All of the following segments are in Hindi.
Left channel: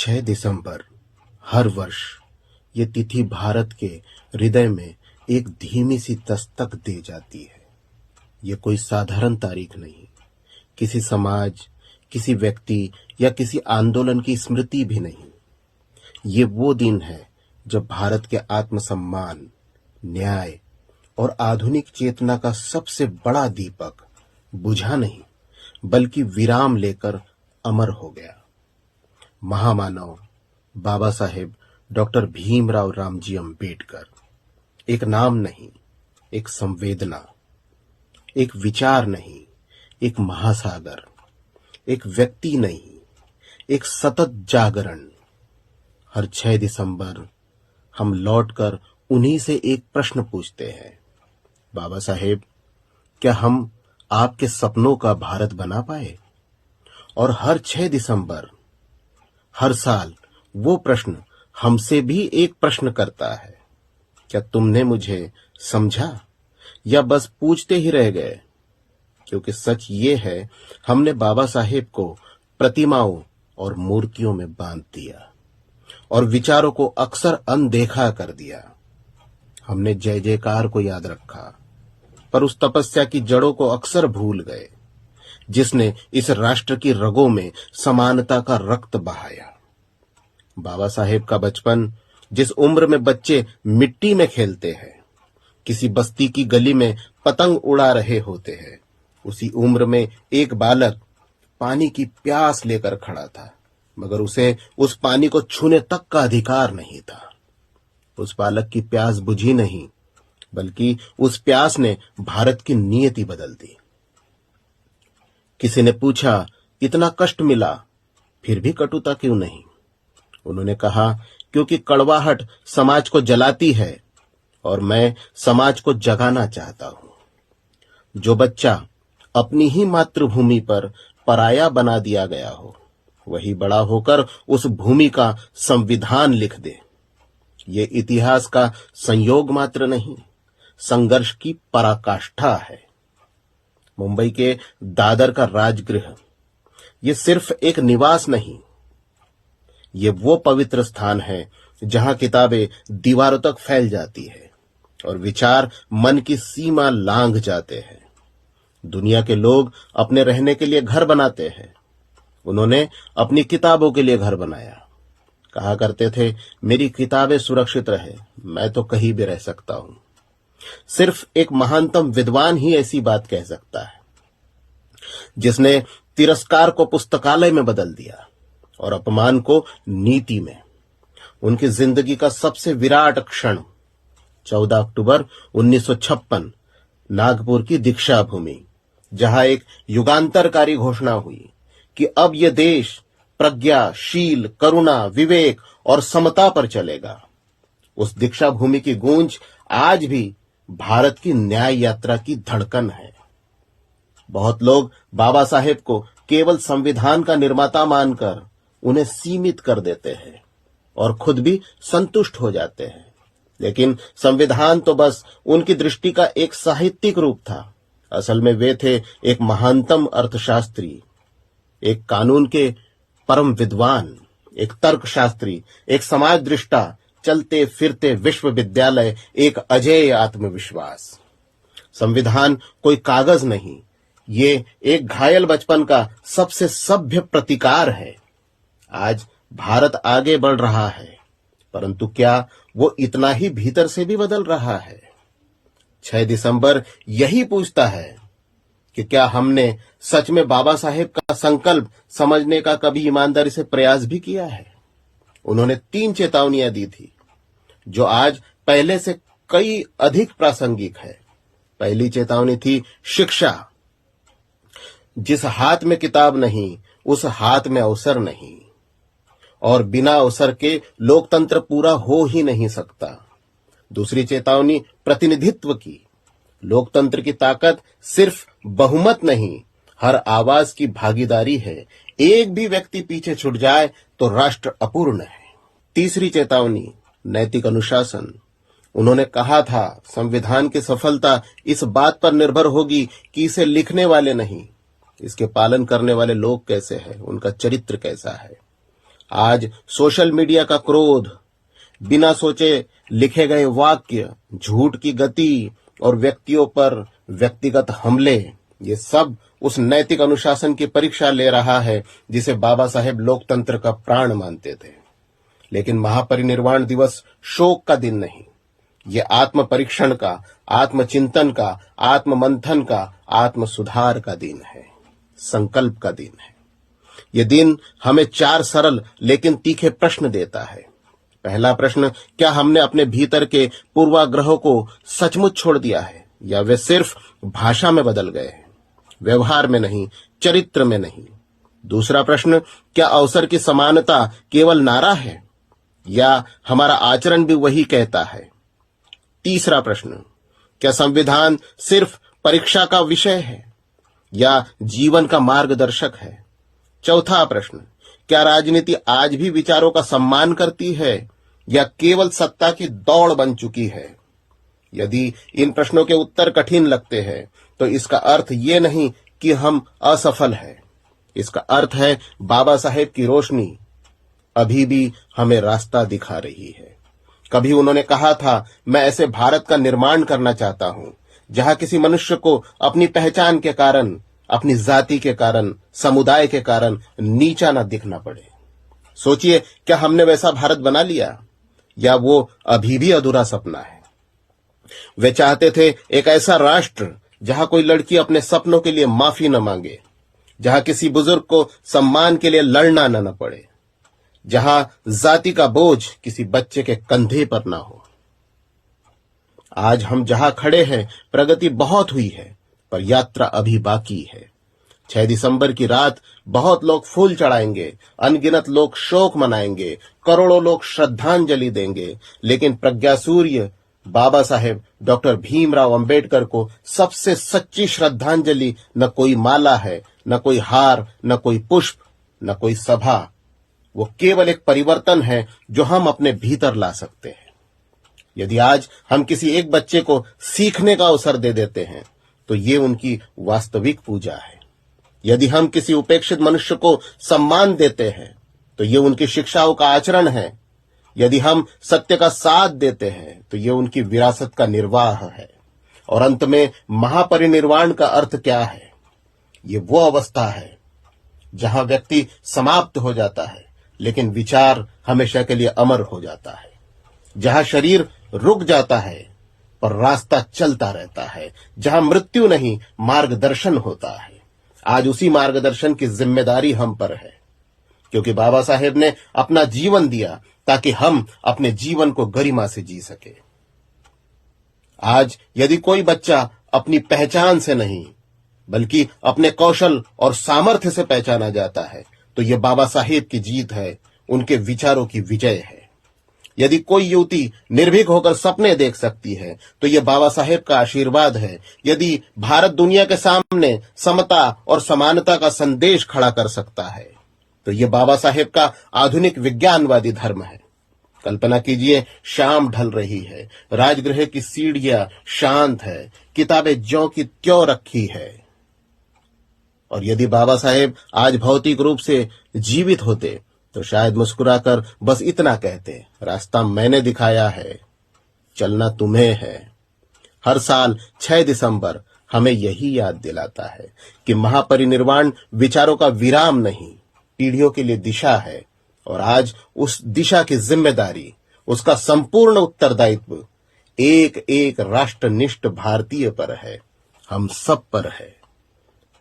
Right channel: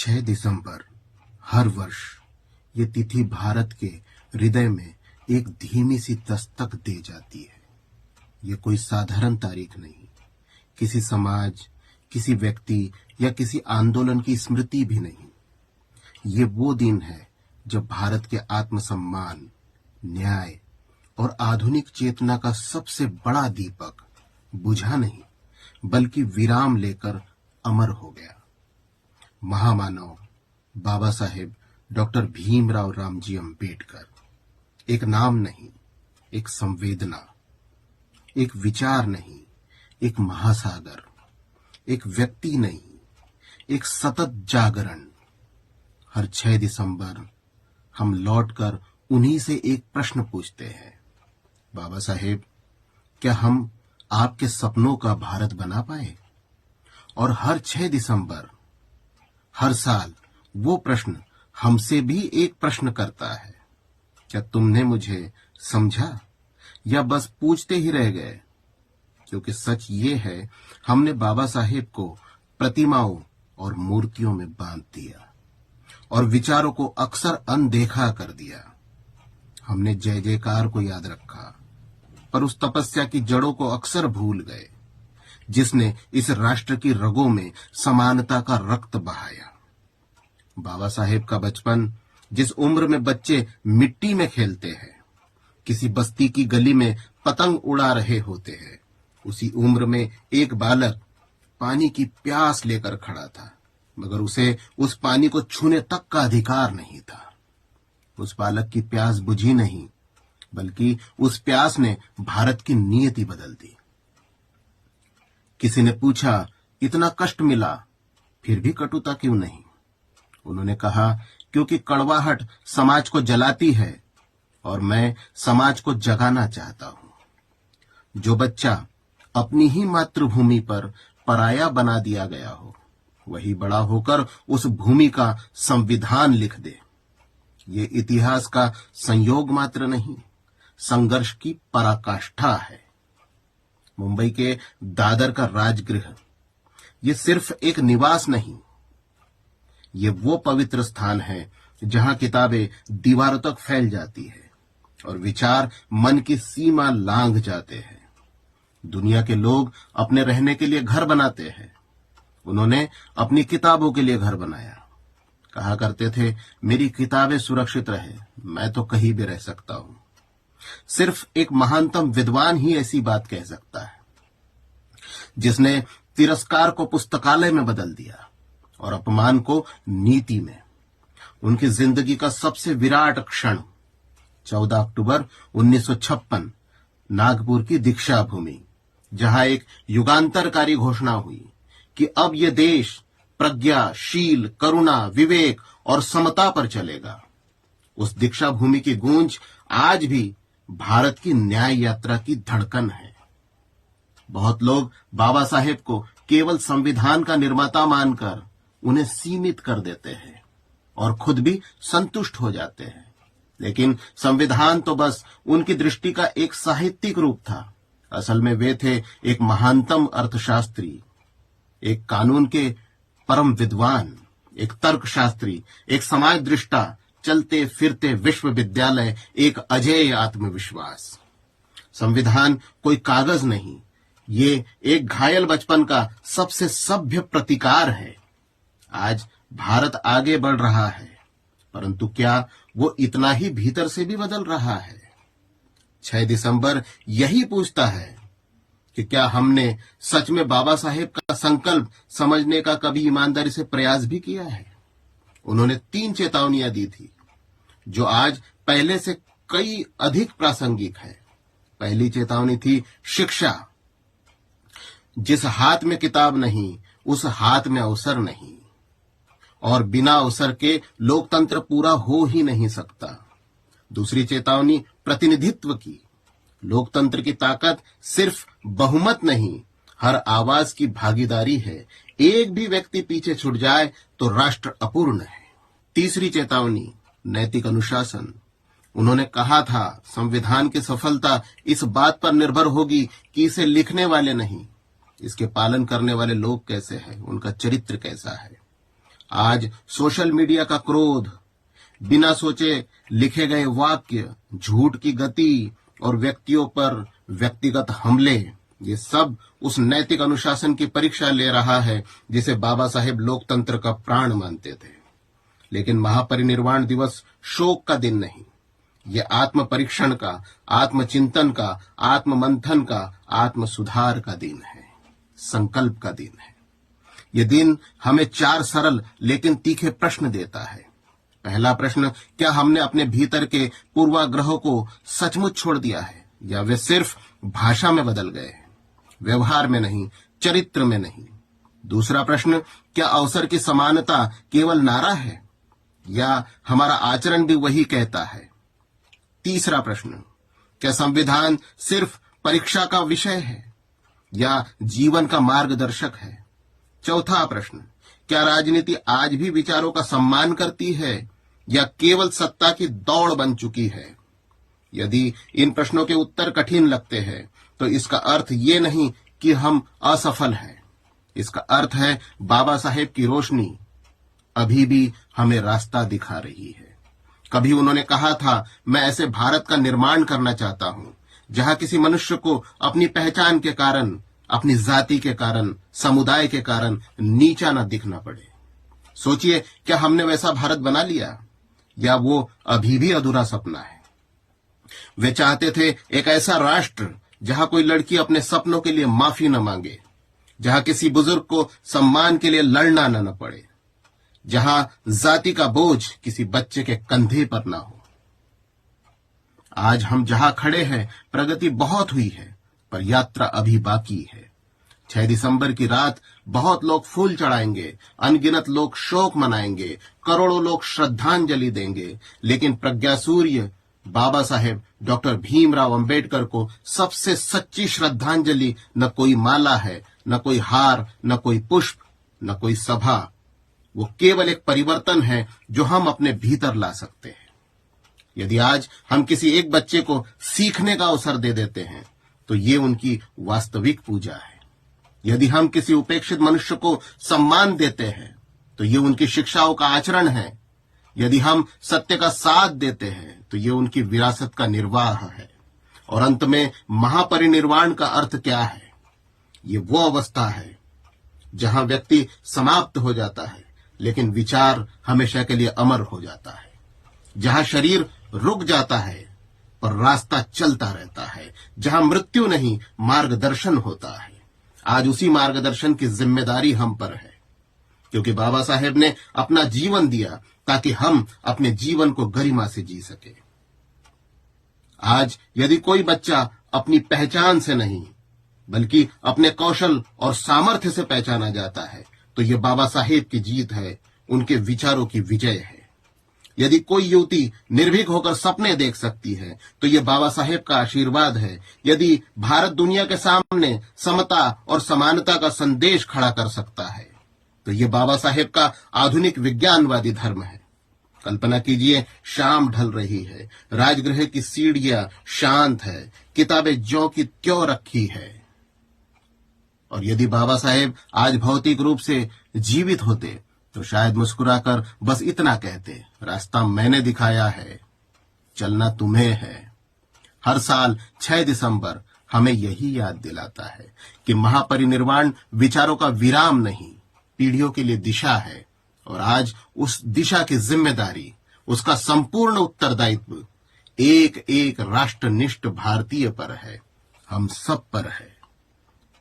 6 दिसंबर हर वर्ष ये तिथि भारत के हृदय में एक धीमी सी दस्तक दे जाती है। ये कोई साधारण तारीख नहीं, किसी समाज, किसी व्यक्ति या किसी आंदोलन की स्मृति भी नहीं। ये वो दिन है जब भारत के आत्मसम्मान, न्याय और आधुनिक चेतना का सबसे बड़ा दीपक बुझा नहीं बल्कि विराम लेकर अमर हो गया। महामानव बाबा साहेब डॉक्टर भीमराव रामजी अंबेडकर एक नाम नहीं, एक संवेदना, एक विचार नहीं, एक महासागर, एक व्यक्ति नहीं, एक सतत जागरण। हर 6 दिसंबर हम लौटकर उन्हीं से एक प्रश्न पूछते हैं, बाबा साहेब, क्या हम आपके सपनों का भारत बना पाए? और हर 6 दिसंबर हर साल वो प्रश्न हमसे भी एक प्रश्न करता है, क्या तुमने मुझे समझा या बस पूछते ही रह गए? क्योंकि सच ये है, हमने बाबा साहेब को प्रतिमाओं और मूर्तियों में बांध दिया और विचारों को अक्सर अनदेखा कर दिया। हमने जय जयकार को याद रखा, पर उस तपस्या की जड़ों को अक्सर भूल गए जिसने इस राष्ट्र की रगों में समानता का रक्त बहाया। बाबा साहेब का बचपन, जिस उम्र में बच्चे मिट्टी में खेलते हैं, किसी बस्ती की गली में पतंग उड़ा रहे होते हैं, उसी उम्र में एक बालक पानी की प्यास लेकर खड़ा था, मगर उसे उस पानी को छूने तक का अधिकार नहीं था। उस बालक की प्यास बुझी नहीं, बल्कि उस प्यास ने भारत की नियति बदल दी। किसी ने पूछा, इतना कष्ट मिला, फिर भी कटुता क्यों नहीं? उन्होंने कहा, क्योंकि कड़वाहट समाज को जलाती है और मैं समाज को जगाना चाहता हूं। जो बच्चा अपनी ही मातृभूमि पर पराया बना दिया गया हो, वही बड़ा होकर उस भूमि का संविधान लिख दे। ये इतिहास का संयोग मात्र नहीं, संघर्ष की पराकाष्ठा है। मुंबई के दादर का राजगृह ये सिर्फ एक निवास नहीं, ये वो पवित्र स्थान है जहां किताबें दीवारों तक फैल जाती है और विचार मन की सीमा लांघ जाते हैं। दुनिया के लोग अपने रहने के लिए घर बनाते हैं, उन्होंने अपनी किताबों के लिए घर बनाया। कहा करते थे, मेरी किताबें सुरक्षित रहे, मैं तो कहीं भी रह सकता हूं। सिर्फ एक महानतम विद्वान ही ऐसी बात कह सकता है, जिसने तिरस्कार को पुस्तकालय में बदल दिया और अपमान को नीति में। उनकी जिंदगी का सबसे विराट क्षण 14 अक्टूबर 1956 नागपुर की दीक्षा भूमि, जहां एक युगांतरकारी घोषणा हुई कि अब यह देश प्रज्ञा, शील, करुणा, विवेक और समता पर चलेगा। उस दीक्षा भूमि की गूंज आज भी भारत की न्याय यात्रा की धड़कन है। बहुत लोग बाबा साहेब को केवल संविधान का निर्माता मानकर उन्हें सीमित कर देते हैं और खुद भी संतुष्ट हो जाते हैं, लेकिन संविधान तो बस उनकी दृष्टि का एक साहित्यिक रूप था। असल में वे थे एक महानतम अर्थशास्त्री, एक कानून के परम विद्वान, एक तर्कशास्त्री, एक समाज दृष्टा, चलते फिरते विश्वविद्यालय, एक अजेय आत्मविश्वास। संविधान कोई कागज नहीं, ये एक घायल बचपन का सबसे सभ्य प्रतिकार है। आज भारत आगे बढ़ रहा है, परंतु क्या वो इतना ही भीतर से भी बदल रहा है? 6 दिसंबर यही पूछता है कि क्या हमने सच में बाबा साहेब का संकल्प समझने का कभी ईमानदारी से प्रयास भी किया है? उन्होंने 3 चेतावनियां दी थी, जो आज पहले से कई अधिक प्रासंगिक है। पहली चेतावनी थी शिक्षा। जिस हाथ में किताब नहीं, उस हाथ में अवसर नहीं, और बिना अवसर के लोकतंत्र पूरा हो ही नहीं सकता। दूसरी चेतावनी प्रतिनिधित्व की। लोकतंत्र की ताकत सिर्फ बहुमत नहीं, हर आवाज की भागीदारी है। एक भी व्यक्ति पीछे छूट जाए तो राष्ट्र अपूर्ण है। तीसरी चेतावनी नैतिक अनुशासन। उन्होंने कहा था, संविधान की सफलता इस बात पर निर्भर होगी कि इसे लिखने वाले नहीं, इसके पालन करने वाले लोग कैसे हैं, उनका चरित्र कैसा है। आज सोशल मीडिया का क्रोध, बिना सोचे लिखे गए वाक्य, झूठ की गति और व्यक्तियों पर व्यक्तिगत हमले, ये सब उस नैतिक अनुशासन की परीक्षा ले रहा है जिसे बाबा साहेब लोकतंत्र का प्राण मानते थे। लेकिन महापरिनिर्वाण दिवस शोक का दिन नहीं, ये आत्म परीक्षण का, आत्मचिंतन का, आत्म मंथन का, आत्म सुधार का दिन है, संकल्प का दिन है। ये दिन हमें 4 सरल लेकिन तीखे प्रश्न देता है। पहला प्रश्न, क्या हमने अपने भीतर के पूर्वाग्रहों को सचमुच छोड़ दिया है या वे सिर्फ भाषा में बदल गए हैं, व्यवहार में नहीं, चरित्र में नहीं। दूसरा प्रश्न, क्या अवसर की समानता केवल नारा है या हमारा आचरण भी वही कहता है? तीसरा प्रश्न, क्या संविधान सिर्फ परीक्षा का विषय है या जीवन का मार्गदर्शक है? चौथा प्रश्न, क्या राजनीति आज भी विचारों का सम्मान करती है या केवल सत्ता की दौड़ बन चुकी है? यदि इन प्रश्नों के उत्तर कठिन लगते हैं तो इसका अर्थ ये नहीं कि हम असफल हैं। इसका अर्थ है बाबा साहेब की रोशनी अभी भी हमें रास्ता दिखा रही है। कभी उन्होंने कहा था, मैं ऐसे भारत का निर्माण करना चाहता हूं जहां किसी मनुष्य को अपनी पहचान के कारण, अपनी जाति के कारण, समुदाय के कारण नीचा न दिखना पड़े। सोचिए, क्या हमने वैसा भारत बना लिया या वो अभी भी अधूरा सपना है? वे चाहते थे एक ऐसा राष्ट्र जहां कोई लड़की अपने सपनों के लिए माफी न मांगे, जहां किसी बुजुर्ग को सम्मान के लिए लड़ना न पड़े, जहां जाति का बोझ किसी बच्चे के कंधे पर ना हो। आज हम जहां खड़े हैं, प्रगति बहुत हुई है, पर यात्रा अभी बाकी है। 6 दिसंबर की रात बहुत लोग फूल चढ़ाएंगे, अनगिनत लोग शोक मनाएंगे, करोड़ों लोग श्रद्धांजलि देंगे, लेकिन प्रज्ञा सूर्य बाबा साहेब डॉक्टर भीमराव अंबेडकर को सबसे सच्ची श्रद्धांजलि न कोई माला है, न कोई हार, न कोई पुष्प, न कोई सभा। वो केवल एक परिवर्तन है जो हम अपने भीतर ला सकते हैं। यदि आज हम किसी एक बच्चे को सीखने का अवसर दे देते हैं तो ये उनकी वास्तविक पूजा है। यदि हम किसी उपेक्षित मनुष्य को सम्मान देते हैं तो ये उनकी शिक्षाओं का आचरण है। यदि हम सत्य का साथ देते हैं तो ये उनकी विरासत का निर्वाह है। और अंत में महापरिनिर्वाण का अर्थ क्या है? ये वो अवस्था है जहां व्यक्ति समाप्त हो जाता है लेकिन विचार हमेशा के लिए अमर हो जाता है, जहां शरीर रुक जाता है पर रास्ता चलता रहता है, जहां मृत्यु नहीं मार्गदर्शन होता है। आज उसी मार्गदर्शन की जिम्मेदारी हम पर है, क्योंकि बाबा साहेब ने अपना जीवन दिया ताकि हम अपने जीवन को गरिमा से जी सके। आज यदि कोई बच्चा अपनी पहचान से नहीं बल्कि अपने कौशल और सामर्थ्य से पहचाना जाता है तो ये बाबा साहेब की जीत है, उनके विचारों की विजय है। यदि कोई युवती निर्भीक होकर सपने देख सकती है तो ये बाबा साहेब का आशीर्वाद है। यदि भारत दुनिया के सामने समता और समानता का संदेश खड़ा कर सकता है तो ये बाबा साहेब का आधुनिक विज्ञानवादी धर्म है। कल्पना कीजिए, शाम ढल रही है, राजगृह की सीढ़ियां शांत है, किताबें ज्यों की त्यों रखी है। और यदि बाबा साहेब आज भौतिक रूप से जीवित होते तो शायद मुस्कुराकर बस इतना कहते, रास्ता मैंने दिखाया है, चलना तुम्हें है। हर साल 6 दिसंबर हमें यही याद दिलाता है कि महापरिनिर्वाण विचारों का विराम नहीं, पीढ़ियों के लिए दिशा है। और आज उस दिशा की जिम्मेदारी, उसका संपूर्ण उत्तरदायित्व एक एक राष्ट्रनिष्ठ भारतीय पर है, हम सब पर है।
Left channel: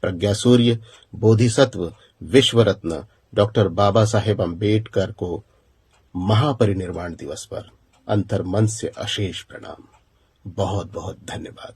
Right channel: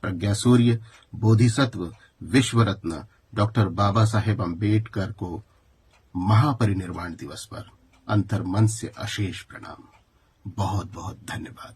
प्रज्ञा सूर्य, बोधिसत्व, विश्व रत्न डॉक्टर बाबा साहेब अंबेडकर को महापरिनिर्वाण दिवस पर अंतर्मन से अशेष प्रणाम। बहुत बहुत धन्यवाद।